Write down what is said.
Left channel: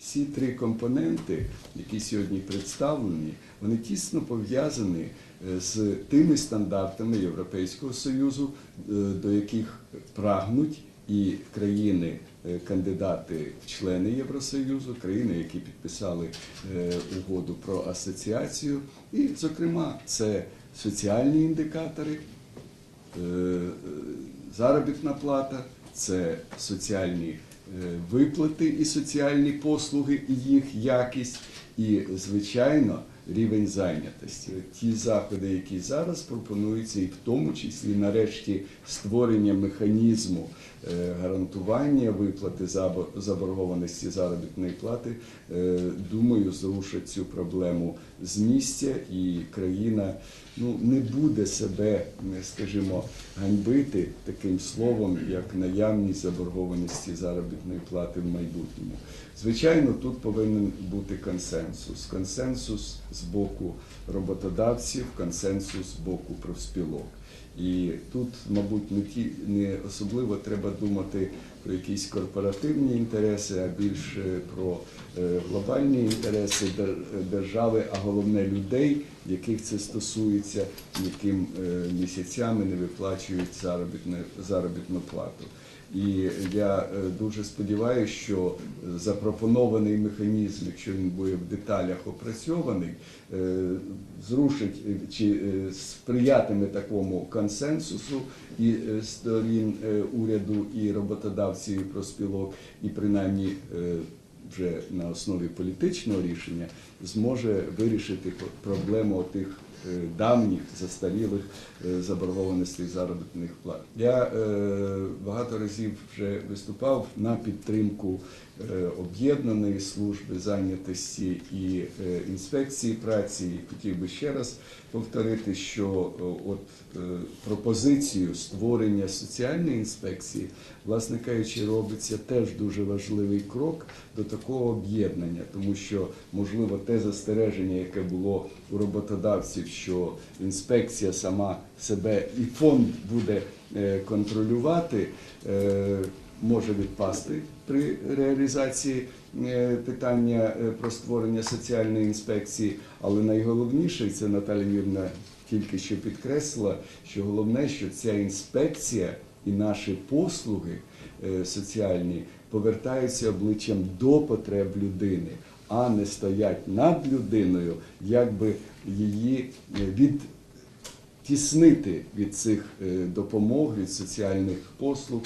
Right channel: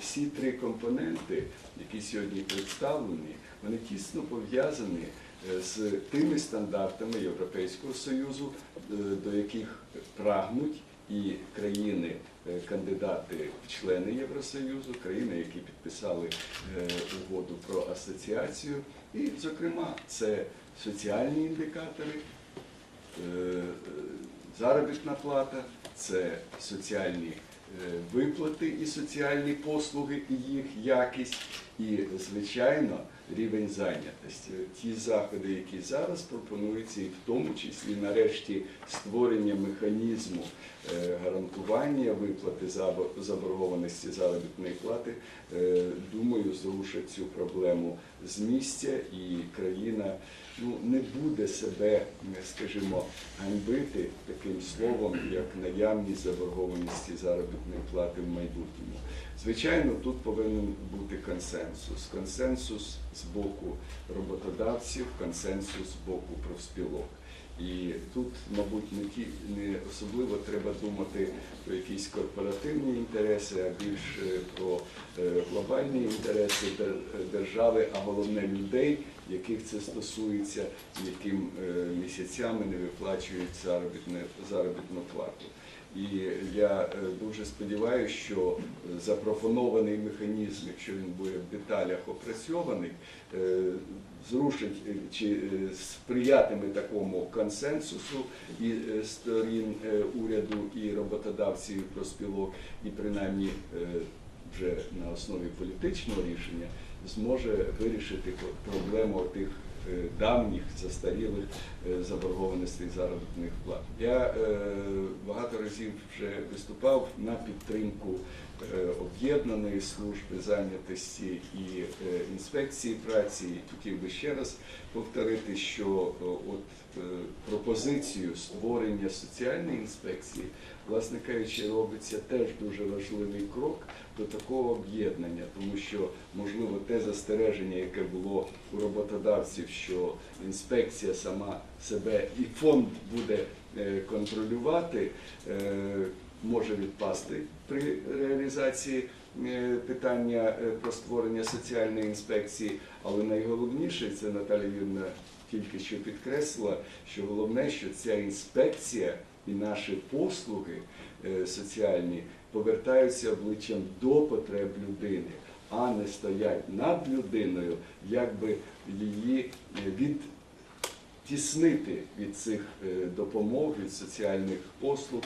всі три компоненти, які сьогодні представлені, вони тісно пов'язані е, з тими стандартами Європейського Союзу, е, до яких прагнуть і країни. е, члени Євросоюзу, країни, які підписали угоду про асоціацію, і, зокрема, це соціальні індикатори, заробітна плата, це соціальні виплати і соціальні послуги, і їх якість, і, звичайно, рівень зайнятості. Ті заходи, які зараз пропонуються, і в тому числі нарешті створення механізму е, гарантування виплати забор- заборгованості заробітної плати, е, думаю, зрушать цю проблему з місця, і країна ну, не буде себе, е, скажімо, ганьбити таким словом, як наявність заборгованості заробітної плати в майбутньому. Звичайно, тут повинен бути консенсус. Консенсус з боку роботодавців, консенсус з боку профспілок. І тут, мабуть, не ті не особливо треба думати про якісь корпоративні інтереси, а більше про е, глобальні інтереси держави, а головне людей, яких це стосується, яким е, місяцями не виплачують заробітне- заробітну плату. І я е, дуже сподіваюся, що запропонований механізм, якщо він буде в деталях опрацьований, зрушить чи сприятиме такому консенсусу і е, сторін е, уряду, і роботодавців, і профспілок, і принаймні е, вже на основі політичного рішення зможе вирішити проблему тих давніх застарілих заборгованостей заробітних плат. Я багато разів вже виступав на підтримку е, об'єднаної служби зайнятості і е, інспекції праці. Хотів би ще раз повторити, що от е, пропозицію створення соціальної інспекції, власне кажучи, робиться теж дуже важливий крок до такого об'єднання, тому що можливо те застереження, яке було у роботодавців, що інспекція сама себе і фонд буде контролювати, е, може відпасти при реалізації е, питання е, про створення соціальної інспекції. Але найголовніше, це Наталя Юрівна тільки що підкреслила, що головне, що ця інспекція і наші послуги е, соціальні повертаються обличчям до потреб людини, а не стоять над людиною, якби її е, відтіснити від цих е, допомог, від соціальних послуг.